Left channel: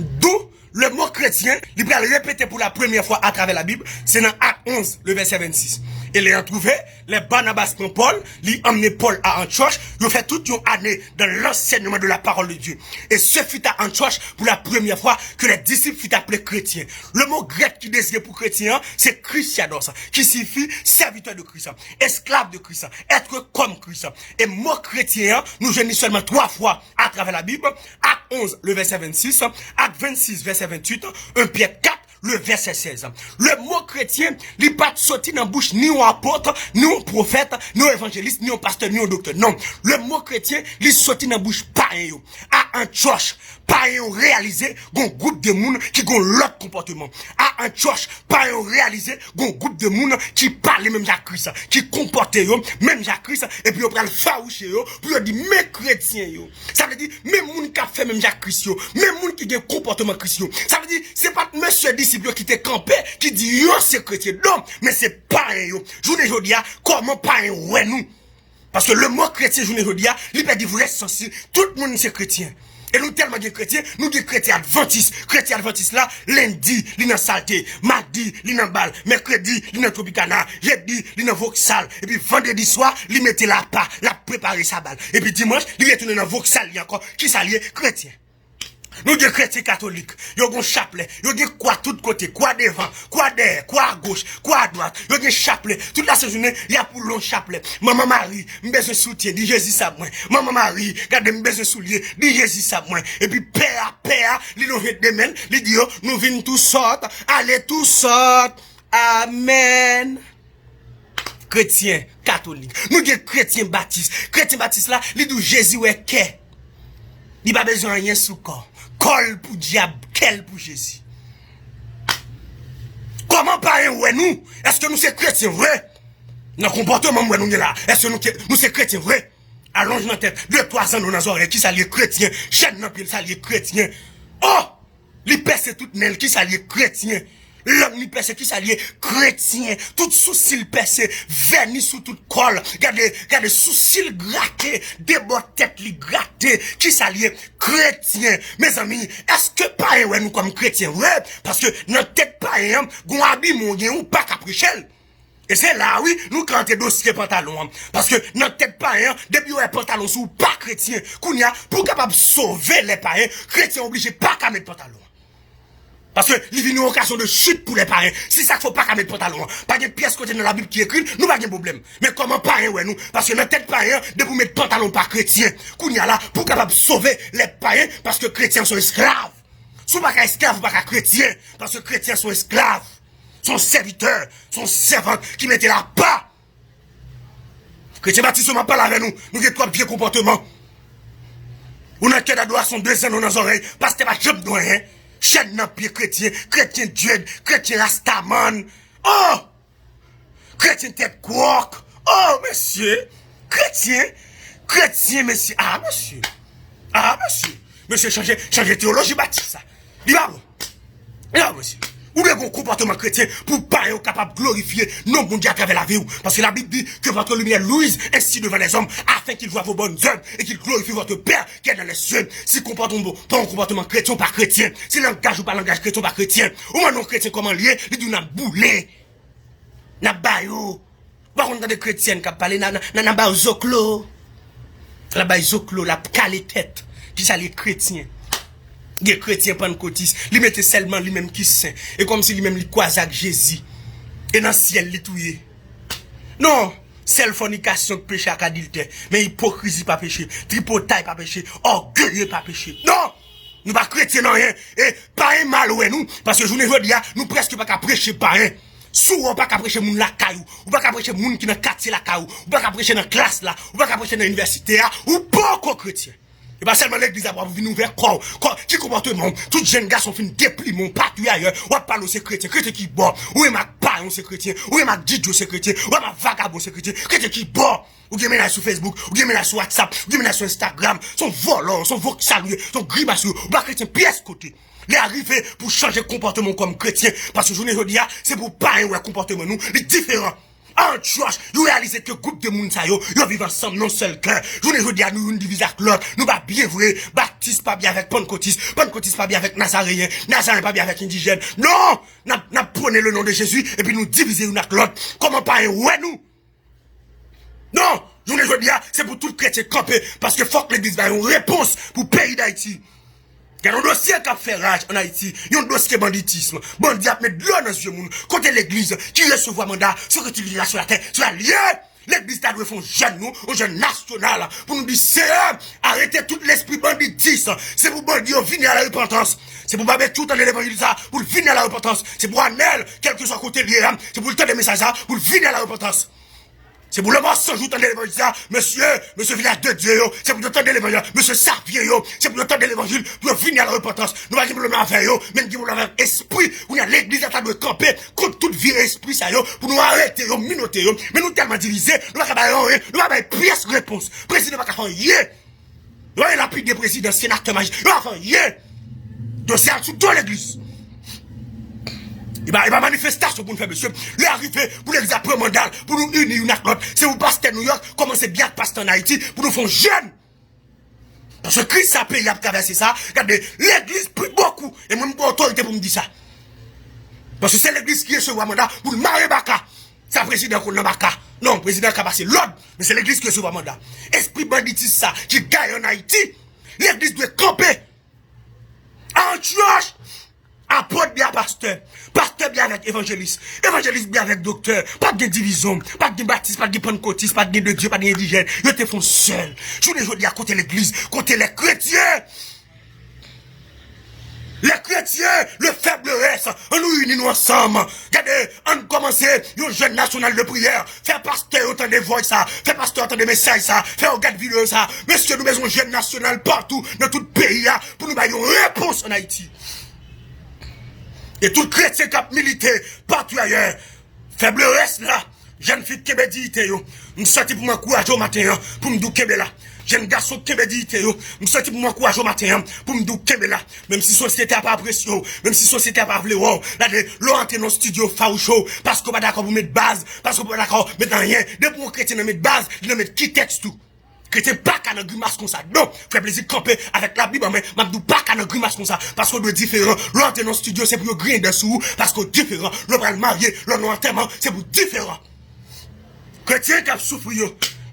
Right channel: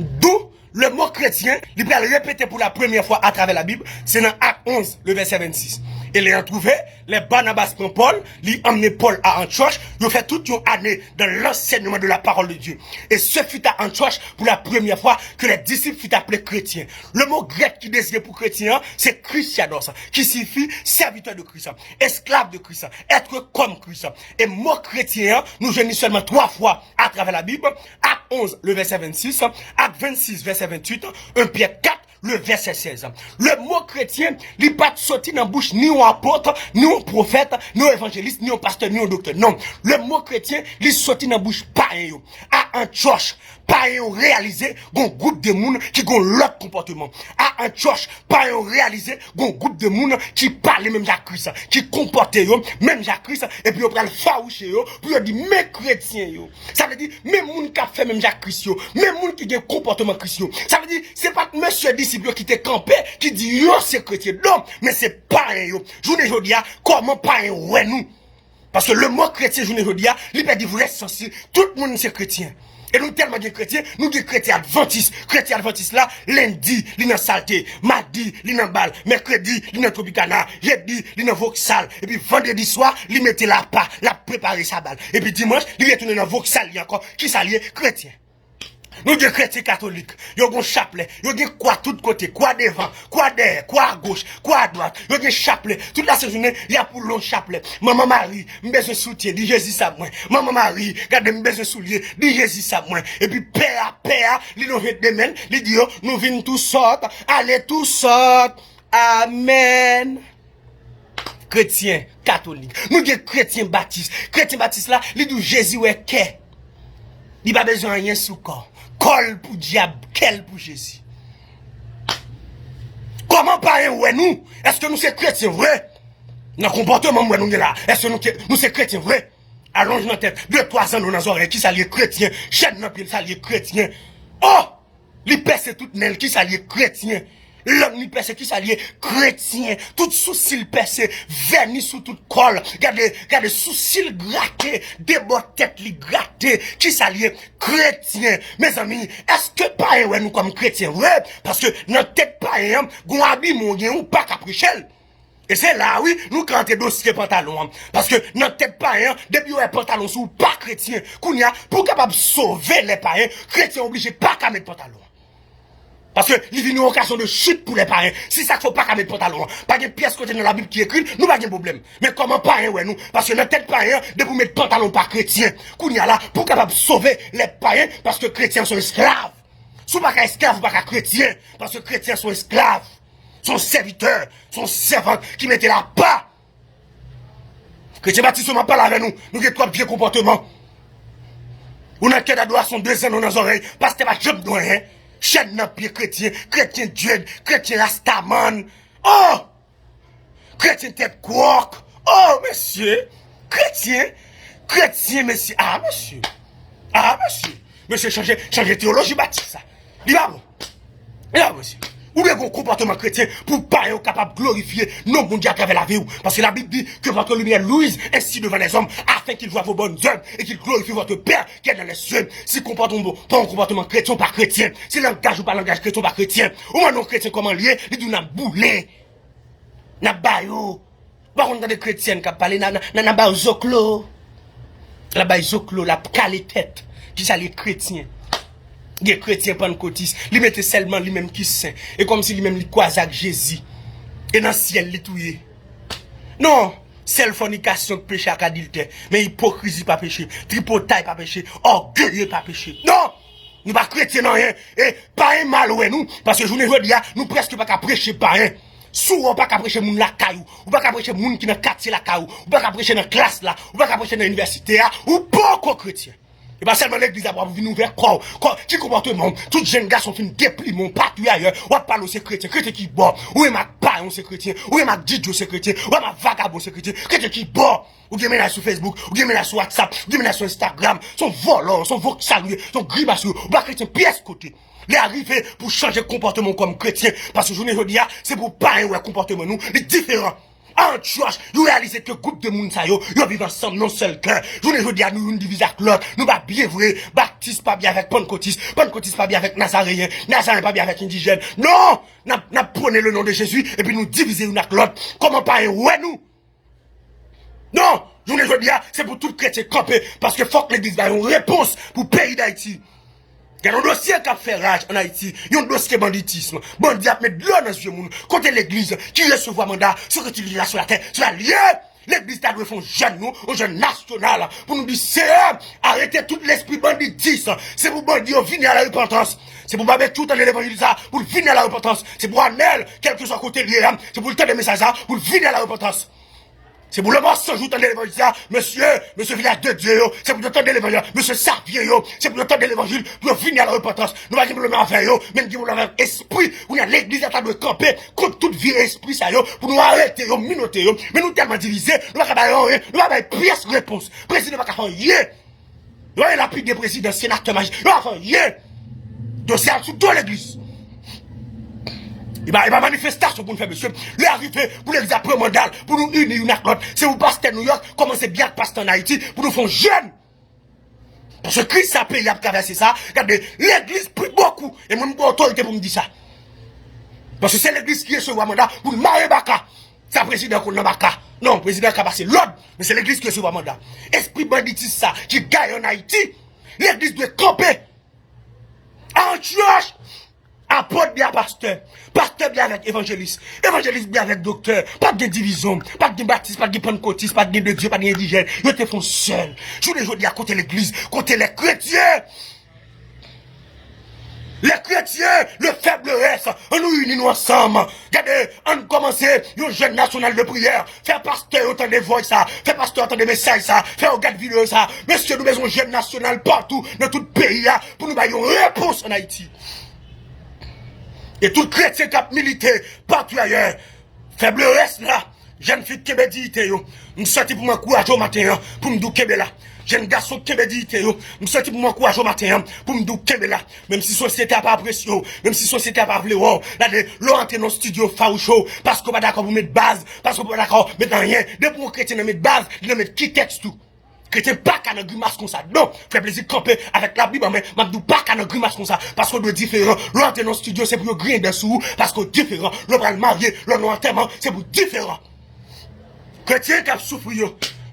D'où le mot chrétien, il va le répéter pour la première fois à travers la Bible, c'est dans Acte 11, le verset 26. Et les ont trouvé, les Barnabas pour Paul, ils ont emmené Paul à Antioche, ils ont fait toute une année dans l'enseignement de la parole de Dieu. Et ce fut à Antioche pour la première fois que les disciples furent appelés chrétiens. Le mot grec qui désigne pour chrétien, c'est Christianos, qui signifie serviteur de Christ, esclave de Christ, être comme Christ. Et mot chrétien, nous venons seulement 3 fois à travers la Bible, Acte 11, le verset 26, Acte 26, verset 28, 1 Pierre 4, le verset 16. Le mot chrétien, il n'est pas sorti dans la bouche ni un apôtre, ni un prophète, ni un évangéliste, ni un pasteur, ni un docteur. Non. Le mot chrétien, il est sorti dans la bouche pareil. À Antioche, pareil réalisé, un groupe de monde qui ont l'autre comportement. À Antioche, pareil réalisé, un groupe de monde qui parle même Jacques Christ, qui comporte même Jacques Christ, et puis on prend le faouché, puis on dit, mais chrétiens, ça veut dire, même monde qui a fait même Jacques Christ, même monde qui a un comportement chrétien. Ça veut dire, c'est pas monsieur disciple qui t'est campé, qui dit, yo, c'est chrétien. Non, mais c'est pareil, Je ne dis pas, comment pareil, ouais, nous. Parce que le mot chrétien, je ne dis pas, il peut dire, vous êtes censé, tout le monde c'est chrétien. Et nous tellement de chrétiens, nous des chrétiens adventistes. Chrétiens adventistes là, lundi, il y a saleté, mardi, il y a balle, mercredi, il y a Tropicana, jeudi, il y a Vauxhall, et puis vendredi soir, il mettait la pas, la préparer sa balle. Et puis dimanche, il retourne dans Vauxhall encore, qui s'allie chrétien. Nous des chrétiens catholiques, ils ont un chapelet, ils ont quoi tout côté, quoi devant, quoi derrière, quoi à gauche, quoi à droite, ils ont un chapelet. Toute la journée, il y a pour long chapelet. Maman Marie, je besoin de soutien, dit Jésus à moi. Maman Marie, regardez, je besoin de soulier, dit Jésus à moi. Et puis, père, ils nous redemènent, ils disent, nous venons tous sortes, allez tous sortes. Amen. Chrétiens catholiques, nous des chrétiens baptistes. Chrétiens baptistes là, ils disent Jésus est qu'est. Il n'a pas besoin de rien sous corps. Col pour diable, quel pour Jésus. Comment parler ouais nous? Est-ce que nous sommes chrétiens vrai? Dans le comportement où nous sommes là, est-ce que nous sommes chrétiens vrai? Allonge notre tête, 2-3 ans dans nos oreilles, qui s'allie chrétien, chaîne dans pied, s'allie chrétien. Oh! Les percent toutes nelles, qui s'allie chrétien. L'homme ni percé, qui s'allie chrétien. Tout sourcil percé, vernis sous toute colle. Regardez, sourcil gratté, des bords tête li gratté, qui s'allie chrétien. Mes amis, est-ce que pareil, ouais, nous comme chrétiens, ouais? Parce que notre tête pareil, gon habille mon ou pas caprichel. Et c'est là, oui, nous cantons dossier pantalon. Parce que notre tête païen, depuis ouais pantalon sous pas chrétien, kounya, pour capable sauver les païens, chrétiens obligés pas qu'à mettre pantalon. Parce que il vient une occasion de chute pour les païens. Si ça faut pas qu'à mettre pantalon, pas de pièce côté dans la Bible qui écrit, nous pas de problème. Mais comment païen, ouais, nous? Parce que notre tête païen, de pour mettre pantalon pas chrétien, kounya là, pour capable sauver les païens, parce que chrétiens sont esclaves. Si pas qu'à esclaves, pas qu'à chrétiens, parce que chrétiens sont esclaves. Son serviteur, son servant qui mettait là bas. Chrétien Baptiste n'a pas là avec nous. Nous avons trois vieux comportements. On a tête à doigt, son 2 ans dans nos oreilles. Parce que pas job de rien. Chaîne dans pied chrétien, chrétien Dieu, chrétien Rastaman. Oh! Chrétien tête quark. Oh, monsieur. Chrétien, monsieur. Ah, monsieur. Monsieur, changer théologie Baptiste, ça. Il va bon. Monsieur. Ou bien un comportement chrétien pour pas être capable de glorifier non bon Dieu à travers la vie. Parce que la Bible dit que votre lumière luise ainsi devant les hommes afin qu'ils voient vos bonnes œuvres et qu'ils glorifient votre Père qui est dans les cieux. Si comportement pas un comportement chrétien pas chrétien, si langage ou pas langage chrétien pas chrétien, ou un non chrétien comment lié, il dit n'a boulé, n'a baillot. Par contre, des chrétiens qui parlent n'a baillot zoclo, la baillot zoclo, la calé tête, qui ça les chrétiens. Les chrétiens pentecôtistes, ils mettaient seulement lui-même qui saint. Et comme si lui-même lui croisait avec Jésus. Et dans le ciel, il touillait. Non, seule fornication péché à adultère. Mais hypocrisie pas péché. Tripotaille pas péché. Orgueilleux pas péché. Non! Nous pas chrétiens non rien. Et pas un mal ouais nous. Parce que je ne veux dire, nous presque pas qu'à prêcher pas un. Souvent pas qu'à prêcher moun la caillou. Ou pas qu'à prêcher moun qui dans quartier la caillou. Ou pas qu'à prêcher dans classe là. Ou pas qu'à prêcher dans l'université là. Ou pas qu'aux chrétiens. Et pas seulement l'église a venir vers quoi, qui comportement, tout jeune garçon fin dépli mon partout ailleurs, ou parle aux chrétiens, chrétien qui boit, ou est ma païen c'est chrétien, ou est ma didio c'est chrétien, ou est ma vagabond c'est chrétien, chrétien qui boit, ou bien là sur Facebook, ou bien là sur WhatsApp, ou bien là sur Instagram, son volant, son vocabulaire, son grimace, ou pas chrétien pièce côté. Les arriver pour changer de comportement comme chrétien, parce que je ne veux dire, c'est pour païen ou le comportement nous, les différents. Antioche, nous réalisons que groupe de monde ça yo vivent ensemble non seul cœur. Je ne veux dire nous une division avec l'autre, nous pas bien vrai, baptiste pas bien avec pentecôtiste, pentecôtiste pas bien avec nazaréen, nazaréen pas bien avec indigène. Non, n'a prenez le nom de Jésus et puis nous diviser une avec l'autre. Comment pas ouais nous? Non, je ne veux dire c'est pour tout chrétien camper parce que faut que l'église ait une réponse pour le pays d'Haïti. Il y a un dossier qui a fait rage en Haïti. Il y a un dossier banditisme. Bandit a mis de l'eau dans ce monde. Côté l'église, qui recevoir mandat, sur l'utilisation sur la terre, sur la liée. L'église a dû faire un jeune, nous, un jeune national, pour nous dire, c'est arrêtez tout l'esprit banditisme. C'est pour bandit venir à la repentance. C'est pour pas tout dans l'évangile, pour venir à la repentance. C'est pour Anel, quel que soit côté lié, c'est pour le temps des messages, pour venir à la repentance. C'est pour le mensonge, vous entendez l'évangile, monsieur village de Dieu, c'est pour entendre l'évangile, monsieur Sarpier, c'est pour entendre l'évangile, pour venir à la repentance. Nous va dire pour le mettre en fait, même pour le esprit, pour l'église à de camper contre toute vie esprit, ça, pour nous arrêter, minoter, mais nous tellement divisés, nous va pas pièce réponse. Président va faire yé. Nous avons la pluie des présidents, sénateur magique, nous va faire yé. Dossier sous toute l'église. Il va manifestation pour nous faire, monsieur. Il est arrivé pour les après mandat, pour nous unir une accord. C'est vous pasteur New York, commencez bien à pasteur en Haïti, pour nous faire jeune. Parce que Christ a payé à traverser ça. Regardez, l'église prie beaucoup. Et moi, j'ai autorité pour me dire ça. Parce que c'est l'église qui est sur le mandat pour le marier Baka. C'est le président qu'on a Baka. Non, le président qui a passé l'ordre, mais c'est l'église qui est sur le mandat. Esprit banditisme ça, qui gagne en Haïti. L'église doit camper. Antioche. Apôtre bien pasteur, pasteur bien avec évangéliste, évangéliste bien avec docteur, pas de division, pas de baptiste, pas de pentecôtiste, pas de Dieu, pas d'indigène, ils te font seul. Je les dis à côté l'église, côté les chrétiens. Les chrétiens, le faiblesse, on nous unit ensemble. Regardez, on commence une jeune national de prière. Faire pasteur autant de voix ça, faire pasteur autant de messages ça, faire regarde vidéo ça. Monsieur, nous avons un jeune national partout, dans tout le pays, pour nous donner une réponse en Haïti. Et tout chrétien qui a milité partout ailleurs, faiblesse là, jeune fille qui m'a dit, nous sortis pour m'encourager au matin, pour me dire là. Jeune garçon qui m'a dit, nous sortis pour m'encourager au matin, pour me dire là. Même si la société n'a pas apprécié, même si la société n'a pas voulu, là, l'on entre dans le studio faroucheux, parce qu'on n'est pas d'accord pour mettre base, parce qu'on n'est pas d'accord pour mettre rien. Dès pour un chrétien mettre base, il mettre qui texte tout. Chrétien pas qu'à un grimace comme ça. Non, fait plaisir de camper avec la Bible, mais je ne pas qu'à un grimace comme ça. Parce qu'on est différent. L'entrée dans le studio, c'est pour griller dessous. Parce qu'on est différent. L'on va le marier, l'on enterrement, c'est pour différent. Chrétien qui a souffert,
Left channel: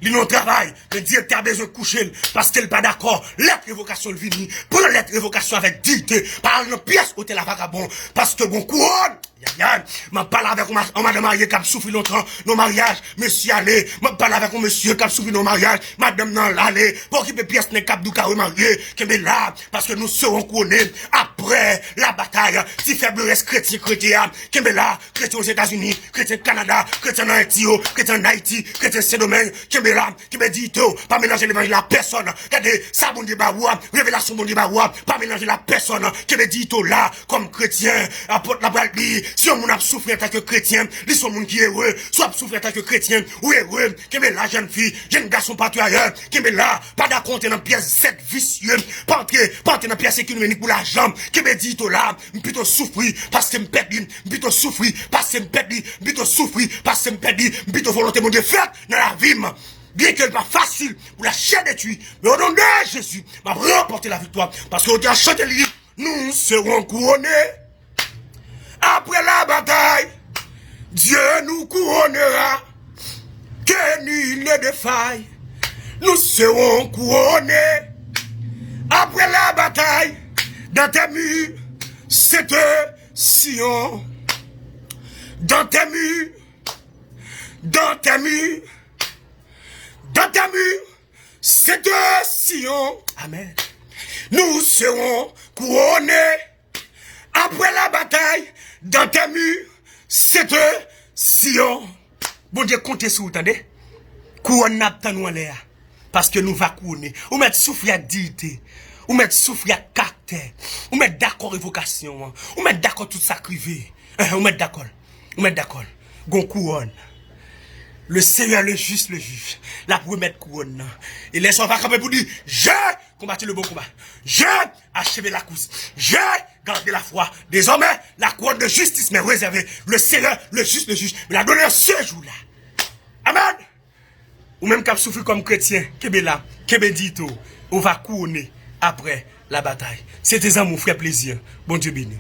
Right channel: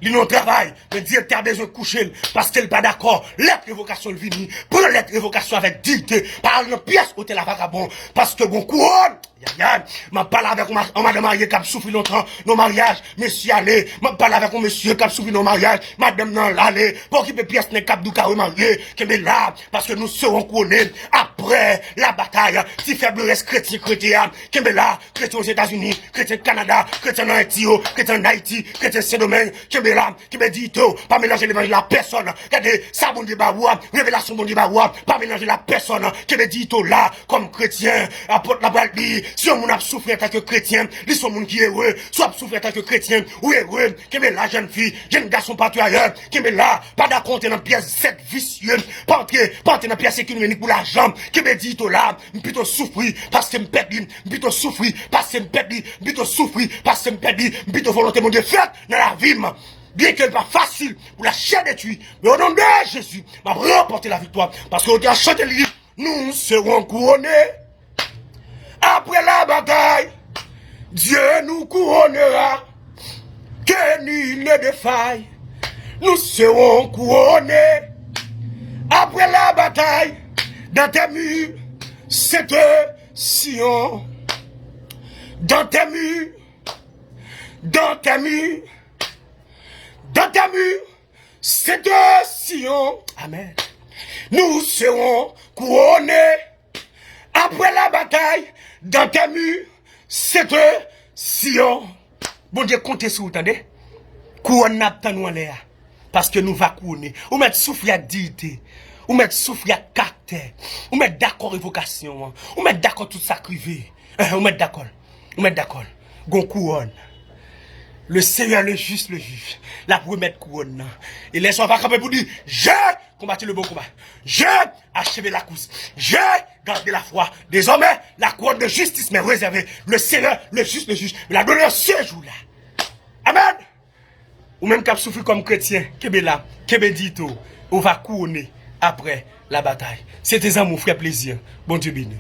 il n'a pas travail. Le directeur a besoin de coucher parce qu'il n'est pas d'accord. Lettre révocation le vini. Pour la lettre révocation avec dignité. Par une pièce où la vagabond. Parce que bon couronne. Je parle avec un madame mariée qui a souffert longtemps nos mariages. Monsieur allez. Je parle avec un monsieur qui a souffert nos mariages. Madame non l'allée. Pour qu'il y ait pièce n'est cap du carreau marié. Qui est là. Parce que nous serons couronnés. Après la bataille. Si faiblesse chrétien. Qui est là. Chrétien aux États-Unis. Chrétien au Canada. Chrétien en Haïti. Chrétien en Haïti. Chrétien Saint-Domingue. Qui est là. Qui me dit tout. Pas mélanger l'évangile à personne. Regardez. Ça bon débat. Révélation bon débat. Pas mélanger la personne. Qui me dit tout là. Comme chrétien. Apporte la balle. Si on a souffert en tant que chrétien, ils sont gens qui est heureux, soit souffert en tant que chrétien, ou heureux, qui est la jeune fille, jeune garçon partout ailleurs, qui est là, pas d'accord dans pièce 7 vicieux, pas entrer dans pièce économique pour l'argent, qui me dit tout là, plutôt souffrir, parce que me perdre, plutôt souffrir, parce que me perdre, plutôt souffrir, parce que me perdre, plutôt volonté de faire dans la vie. Bien que ce n'est pas facile pour la chair de tuer, mais au nom de Jésus, va remporter la victoire, parce qu'on a chanté le livre, nous serons couronnés. Après la bataille, Dieu nous couronnera, que nul ne défaille, nous serons couronnés. Après la bataille, dans tes murs, c'est Sion. Dans tes murs, dans tes murs, dans tes murs, c'est Sion. Amen. Nous serons couronnés. Après la bataille, dans tes murs, c'est Sion. Bon Dieu, comptez sur vous, attendez. Couronne n'a nous en l'air. Parce que nous va couronner. Ou mettre souffle à dignité. Ou mettre souffle à caractère. Ou mettre d'accord évocation. Ou mettre d'accord tout ça crivé. Ou mettre d'accord. Ou mettre d'accord. Gon couronne. Le Seigneur, le juste, le juge. La première couronne. Et laisse on va camper pour dire, j'ai combattu le bon combat. J'ai achevé la course. J'ai gardé la foi. Désormais, la couronne de justice m'est réservée. Le Seigneur, le juste, le juge, me l'a donné ce jour-là. Amen. Ou même cap souffrir comme chrétien, kebe là, kebe dito, on va couronner après la bataille. C'était ça mon frère plaisir. Bon Dieu béni.